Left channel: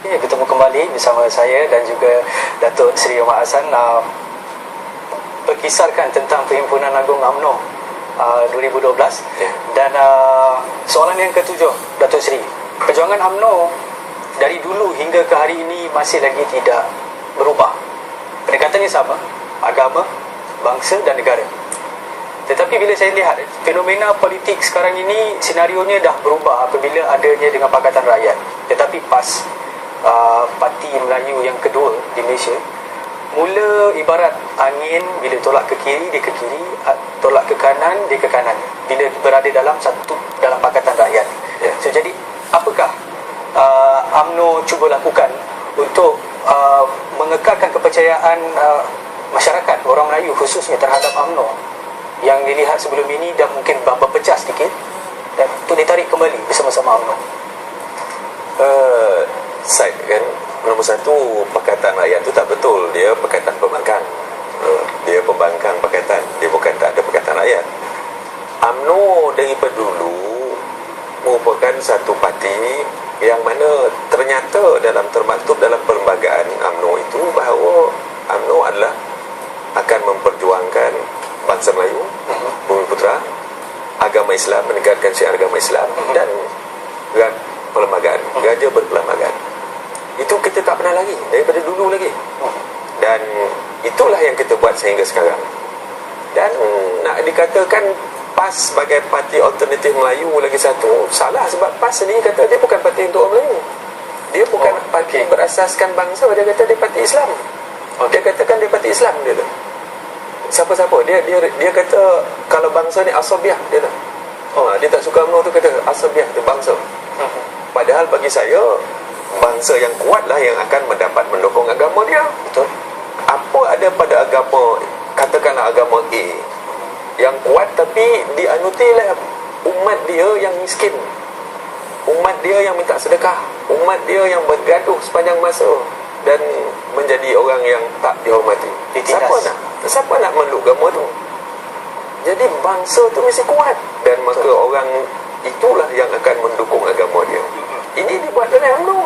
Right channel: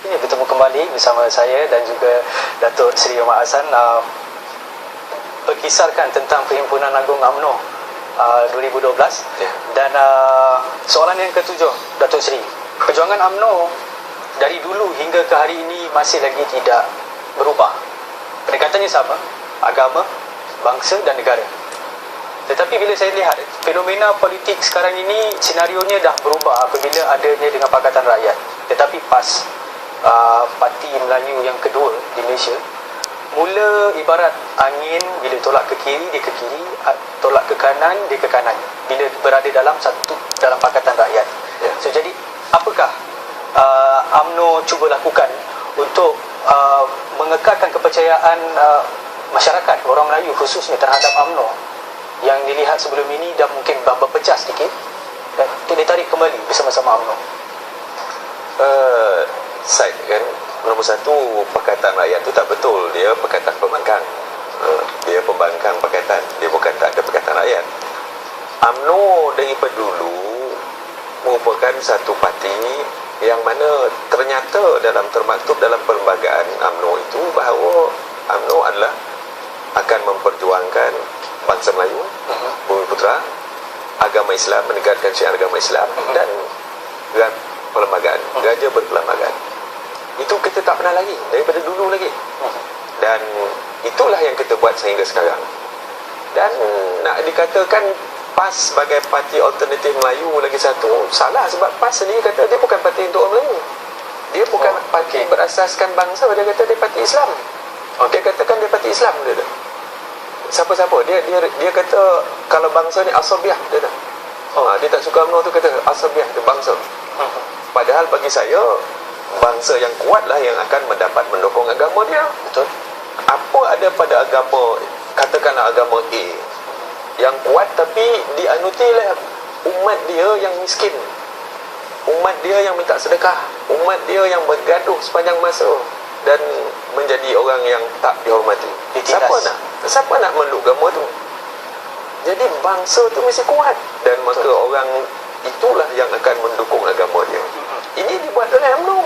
Ini bertemu kembali bersama saya dan juga Datuk Seri Omar Hassan, berkisarkan tentang Perhimpunan Agung UMNO 2012. Dan soalan yang ketujuh, Datuk Seri, perjuangan UMNO dari dulu hingga ke hari ini masih lagi tidak berubah. Pendekatannya sama, agama, bangsa dan negara. Tetapi bila saya lihat fenomena politik sekarang ini, senarionya dah berubah apabila adanya dengan Pakatan Rakyat. Tetapi PAS, Parti Melayu yang kedua di Malaysia, mula ibarat angin, bila tolak ke kiri dia ke kiri, tolak ke kanan dia ke kanan, bila berada dalam Pakatan Rakyat. So jadi apakah UMNO cuba lakukan untuk mengekalkan kepercayaan masyarakat orang Melayu khususnya terhadap UMNO yang dilihat sebelum ini dah mungkin berpecah sedikit, dan untuk ditarik kembali bersama-sama UMNO? Side kan, nombor satu, Pakatan Rakyat tu tak betul. Dia Pakatan Pembangkang. Dia pembangkang pakatan, dia bukan tak ada Pakatan Rakyat. UMNO daripada dulu merupakan satu parti yang mana ternyata termaktub dalam perlembagaan UMNO itu bahawa UMNO adalah akan memperjuangkan bangsa Melayu, Bumi Putera, agama Islam, menegakkan syiar agama Islam, dan perlembagaan, geraja berperlembagaan. Itu kita tak pernah lagi, daripada dulu lagi. Dan itulah yang kita buat sehingga sekarang. Dan nak dikatakan PAS sebagai parti alternatif Melayu lagi satu, salah, sebab PAS sendiri kata dia bukan parti untuk orang Melayu. Dia bukan parti berasaskan bangsa, dia kata dia parti Islam. Dia katakan dia parti Islam, dia tu. Siapa-siapa dia kata kalau bangsa ni asabiah, dia tak. Dia tak suka UMNO tu, kata asabiah tu bangsa. Padahal bagi saya bangsa yang kuatlah yang akan mendapat mendukung agama dia. Betul. Apa ada pada agama, katakanlah agama A yang kuat tapi dianuti oleh umat dia yang miskin, umat dia yang minta sedekah, umat dia yang bergaduh sepanjang masa dan menjadi orang yang tak dihormati. Siapa nak meluk agama tu? Jadi bangsa tu mesti kuat, dan maka orang itulah yang akan mendukung agama dia. Ini dibuat oleh UMNO.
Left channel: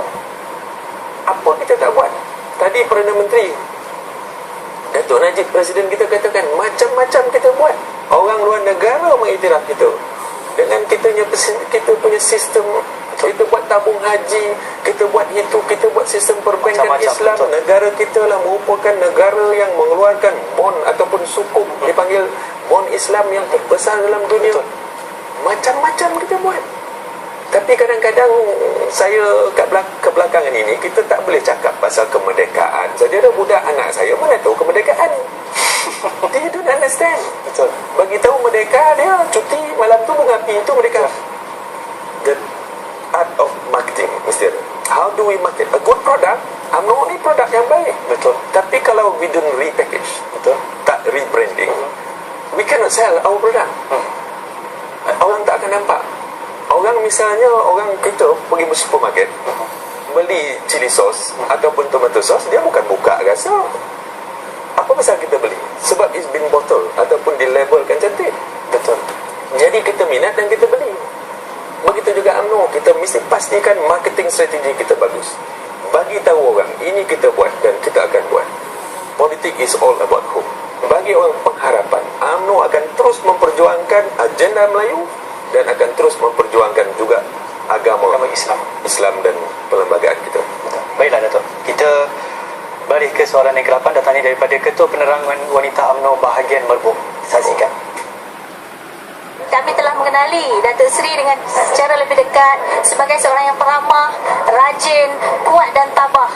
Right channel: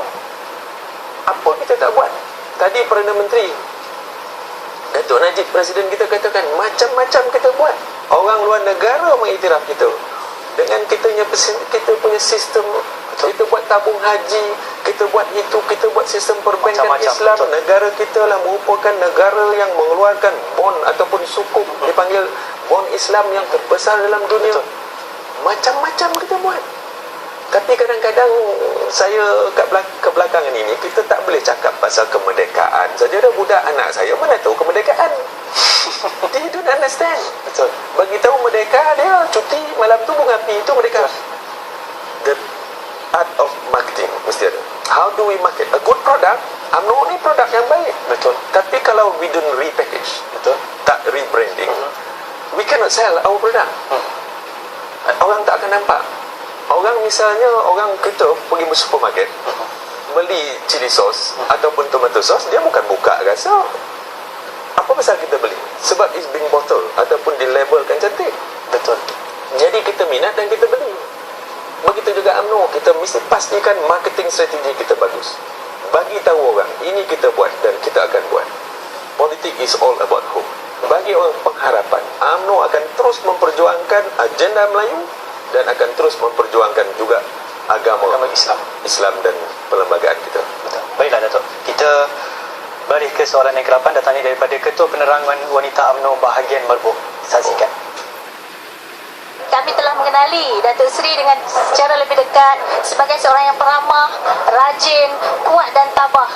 Apa kita tak buat? Tadi Perdana Menteri Datuk Najib, Presiden kita, katakan macam-macam kita buat. Orang luar negara mengiktiraf kita dengan kita punya sistem. Kita buat tabung haji, kita buat itu, kita buat sistem perbankan Islam. Betul. Negara kita lah merupakan negara yang mengeluarkan bond ataupun sukuk, dipanggil bond Islam yang terbesar dalam dunia. Betul. Macam-macam kita buat. Tapi kadang-kadang saya kebelakangan ini, kita tak boleh cakap pasal kemerdekaan saja. Ada budak anak saya mana tahu kemerdekaan. Dia don't understand. Betul. Bagi tahu merdeka, dia cuti malam tu bunga api, itu merdeka. The art of marketing mesti ada. How do we market a good product? UMNO ni produk yang baik. Betul. Tapi kalau we don't repackage, betul, tak rebranding, we cannot sell our product. Orang tak akan nampak. Orang misalnya, orang kita pergi ke supermarket, beli chili sauce ataupun tomato sauce, dia bukan buka rasa. Apa pasal kita beli? Sebab it's being bottled ataupun dilabelkan cantik. Betul. Jadi kita minat dan kita beli. Begitu juga UMNO, kita mesti pastikan marketing strategi kita bagus. Bagi tahu orang, ini kita buat dan kita akan buat. Politik is all about hope. Bagi orang pengharapan, UMNO akan terus memperjuangkan agenda Melayu dan akan terus memperjuangkan juga agama Islam dan perlembagaan kita. Betul. Baiklah Datuk, kita balik ke soalan yang ke-8, datangnya daripada Ketua Penerangan Wanita UMNO bahagian Merbuk. Saksikan. Kami telah mengenali Datuk Seri dengan secara lebih dekat sebagai seorang yang peramah, rajin, kuat dan tabah.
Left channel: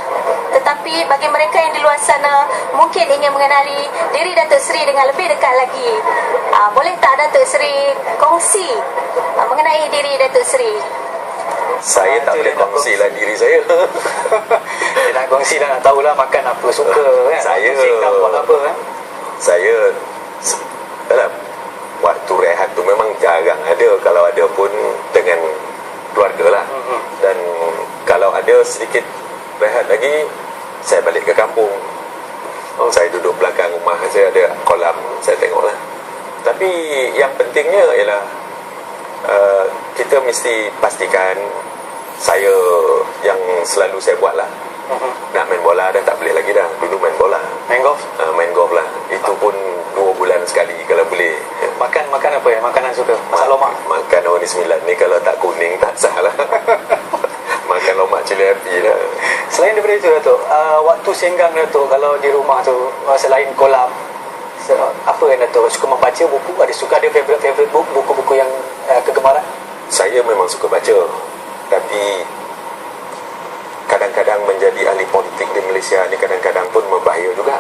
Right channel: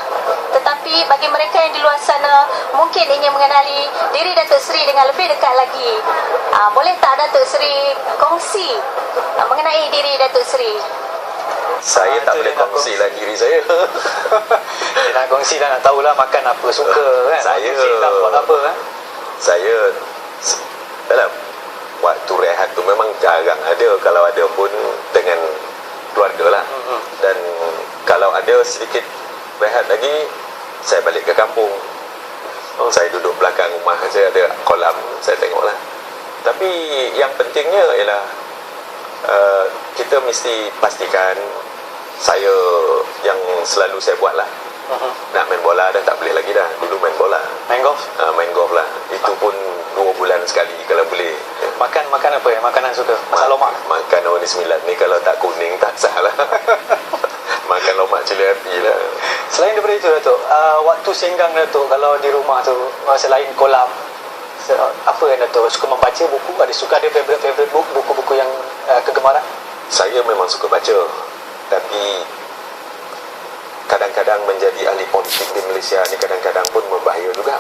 Tetapi bagi mereka yang di luar sana mungkin ingin mengenali diri Datuk Seri dengan lebih dekat lagi, boleh tak Datuk Seri kongsi mengenai diri Datuk Seri? Saya tak boleh kongsilah diri saya. Dia nak kongsi lah, nak tahulah makan apa, suka kan. Saya buat apa kan. Saya dalam waktu rehat tu memang jarang ada. Kalau ada pun dengan keluarga lah. Dan kalau ada sedikit rehat lagi, saya balik ke kampung. Saya duduk belakang rumah, saya ada kolam, saya tengok lah. Tapi yang pentingnya ialah kita mesti pastikan saya yang selalu saya buat lah. Nak main bola dah tak boleh lagi dah. Dulu main bola, Main golf? main golf lah. Itu pun 2 bulan sekali kalau boleh. Makan apa ya? Makanan suka? Masak lomak? Makan orang ni 9 ni kalau tak kuning tak sah lah. Makan lomak cili api lah. Selain daripada itu Datuk, waktu senggang Datuk kalau di rumah tu, selain kolam, apa yang Datuk suka membaca buku? Ada favorite book, buku-buku yang kegemaran? Saya memang suka baca, tapi kadang-kadang menjadi ahli politik di Malaysia ni kadang-kadang pun membahaya juga.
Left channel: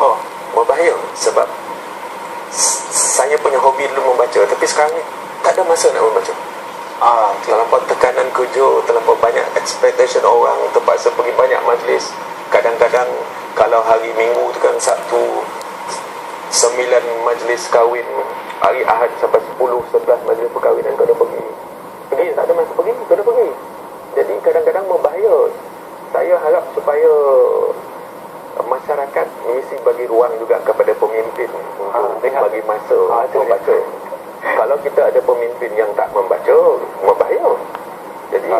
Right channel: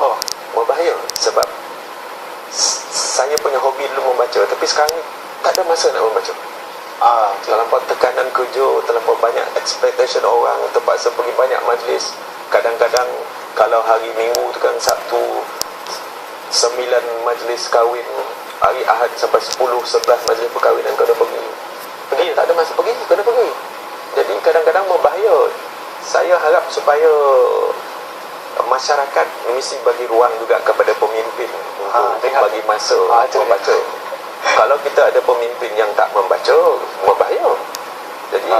Oh, Membahaya sebab saya punya hobi dulu membaca, tapi sekarang ni tak ada masa nak membaca. Terlampau tekanan kerja, terlampau banyak expectation orang, terpaksa pergi banyak majlis. Kadang-kadang kalau hari Minggu tu kan, Sabtu 9 majlis kahwin, hari Ahad sampai 10-11 majlis perkahwinan kau dah pergi. Tak ada masa pergi, kau dah pergi. Jadi kadang-kadang membahaya. Saya harap supaya masyarakat mesti bagi ruang juga kepada pemimpin untuk bagi masa membaca. Kalau kita ada pemimpin yang tak membaca, membahaya. Jadi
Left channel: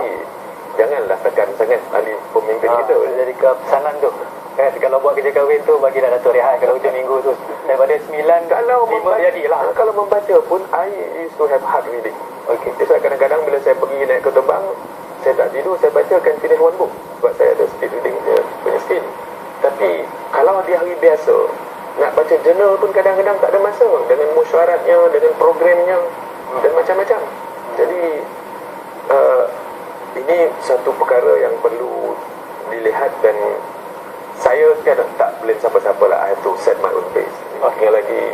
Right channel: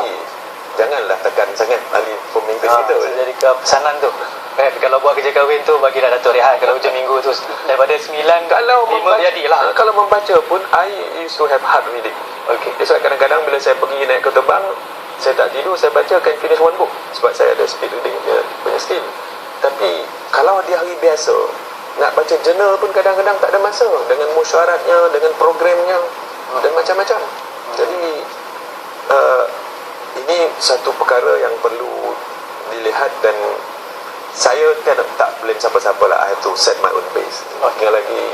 janganlah tekan sangat ahli pemimpin kita. Jadi ke pesanan tu kalau buat kerja kahwin tu, bagilah Datuk rehat kalau hujung minggu tu daripada 9 Kalau 5 membaca, jadilah. kalau membaca pun I used to have hard reading. Okey. So kadang-kadang bila saya pergi naik kereta terbang, saya tak tidur, saya baca can finish one book sebab saya ada speed reading punya skill. Tapi kalau di hari biasa nak baca jurnal pun kadang-kadang tak ada masa, dengan musyaratnya, dengan programnya dan macam-macam. Jadi ini satu perkara yang perlu dilihat, dan saya kan tak blame siapa-siapa lah. I have to set my own pace. Tinggal lagi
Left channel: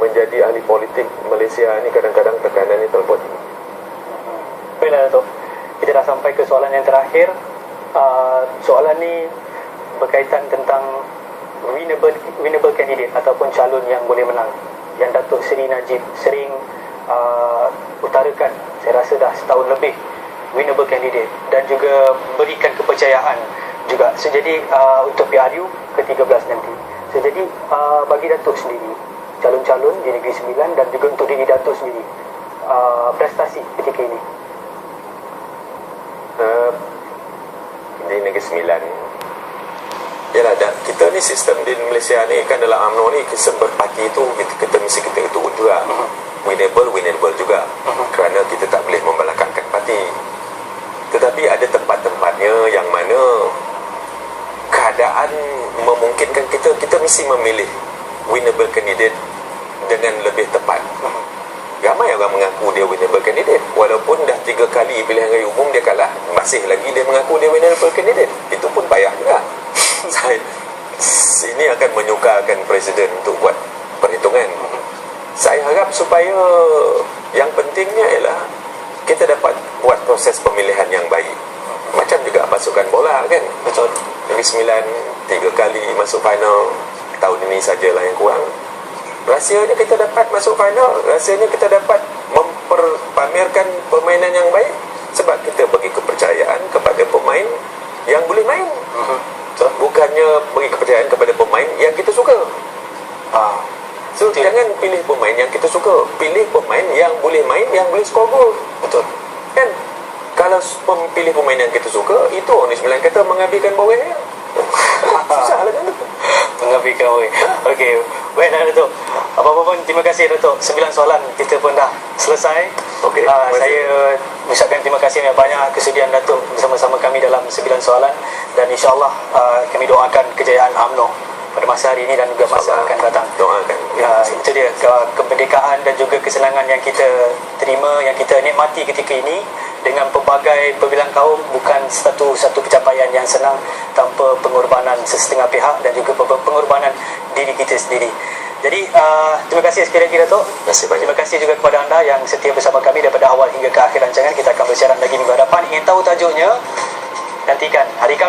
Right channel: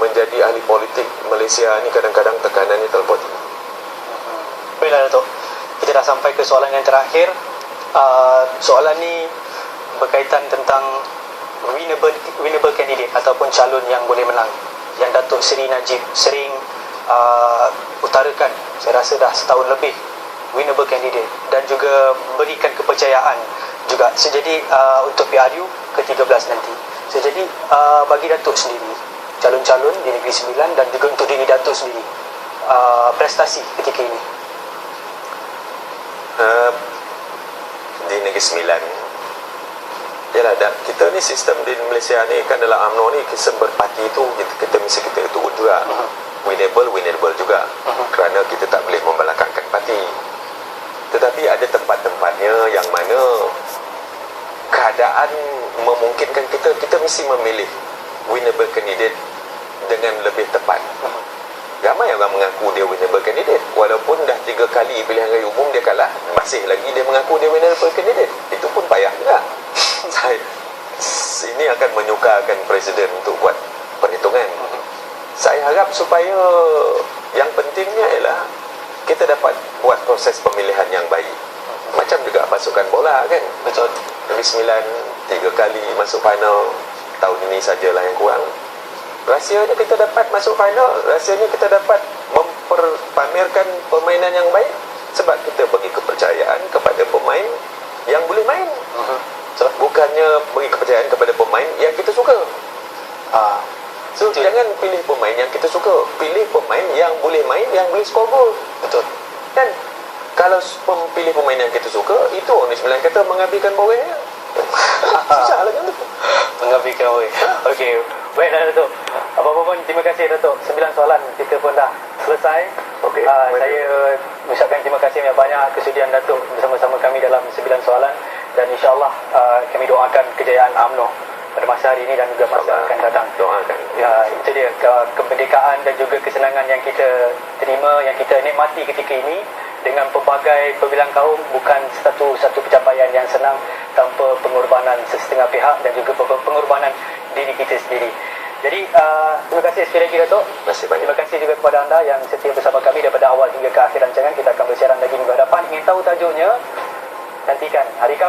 menjadi ahli politik Malaysia ni kadang-kadang tekanannya terlalu tinggi. Baiklah Datuk, kita dah sampai ke soalan yang terakhir. Soalan ni berkaitan tentang winnable candidate ataupun calon yang boleh menang, yang Datuk Seri Najib sering utarakan, saya rasa dah setahun lebih, winnable candidate, dan juga berikan kepercayaan juga. Jadi untuk PRU ke-13 nanti. Jadi bagi Datuk sendiri, calon-calon di Negeri Sembilan dan juga untuk diri Datuk sendiri, prestasi ketika ini di Negeri Sembilan, yalah, kita ni sistem di Malaysia ni kan, dalam UMNO ni sistem berparti tu kita mesti kita turut juga. Winnable juga, kerana kita tak boleh membelakangkan parti. Tetapi ada tempat-tempatnya yang mana keadaan memungkinkan kita mesti memilih winnable candidate dengan lebih tepat. Ramai orang mengaku dia winnable candidate, walaupun dah 3 kali pilihan raya umum dia kalah, masih lagi dia mengaku dia winnable candidate. Itu pun payah juga. Ini akan menyukarkan presiden untuk buat perhitungan. Saya harap supaya yang pentingnya ialah kita dapat buat proses pemilihan yang baik. Macam juga pasukan bola kan. betul. Negeri Sembilan 3 kali masuk final, tahun ini sajalah yang kurang. Rahsianya kita dapat masuk final, rahsianya kita dapat memperpamerkan permainan yang baik sebab kita bagi kepercayaan kepada pemain yang boleh main. Bukannya bagi kepercayaan kepada pemain yang kita suka. So jangan pilih pemain yang kita suka, pilih pemain yang boleh main, yang boleh skor gol. Betul. Kan? Kalau pilih pemain yang kita suka, itu orang di Sembilan kata menghabiskan boreh. Susah lah kan? Menghabiskan boreh. Okey. Baiklah Datuk. Apa-apa pun terima kasih Datuk. 9 soalan kita pun dah selesai. Okey. Saya ucapkan terima kasih banyak kesediaan Datuk bersama-sama kami dalam 9 soalan, dan insya-Allah kami doakan kejayaan UMNO pada masa hari ini dan juga masa akan datang. Doakan. Ya, itu dia kemerdekaan dan juga kesenangan yang kita terima, yang kita nikmati ketika ini dengan pelbagai perbilang kaum, bukan satu pencapaian yang senang tanpa pengorbanan sesetengah pihak dan juga pengorbanan diri kita sendiri. Jadi terima kasih sekali lagi Datuk. Terima kasih juga kepada anda yang setia bersama kami daripada awal hingga ke akhir rancangan. Kita akan bersiaran lagi minggu hadapan. Ingin tahu tajuknya? Nantikan hari Khamis.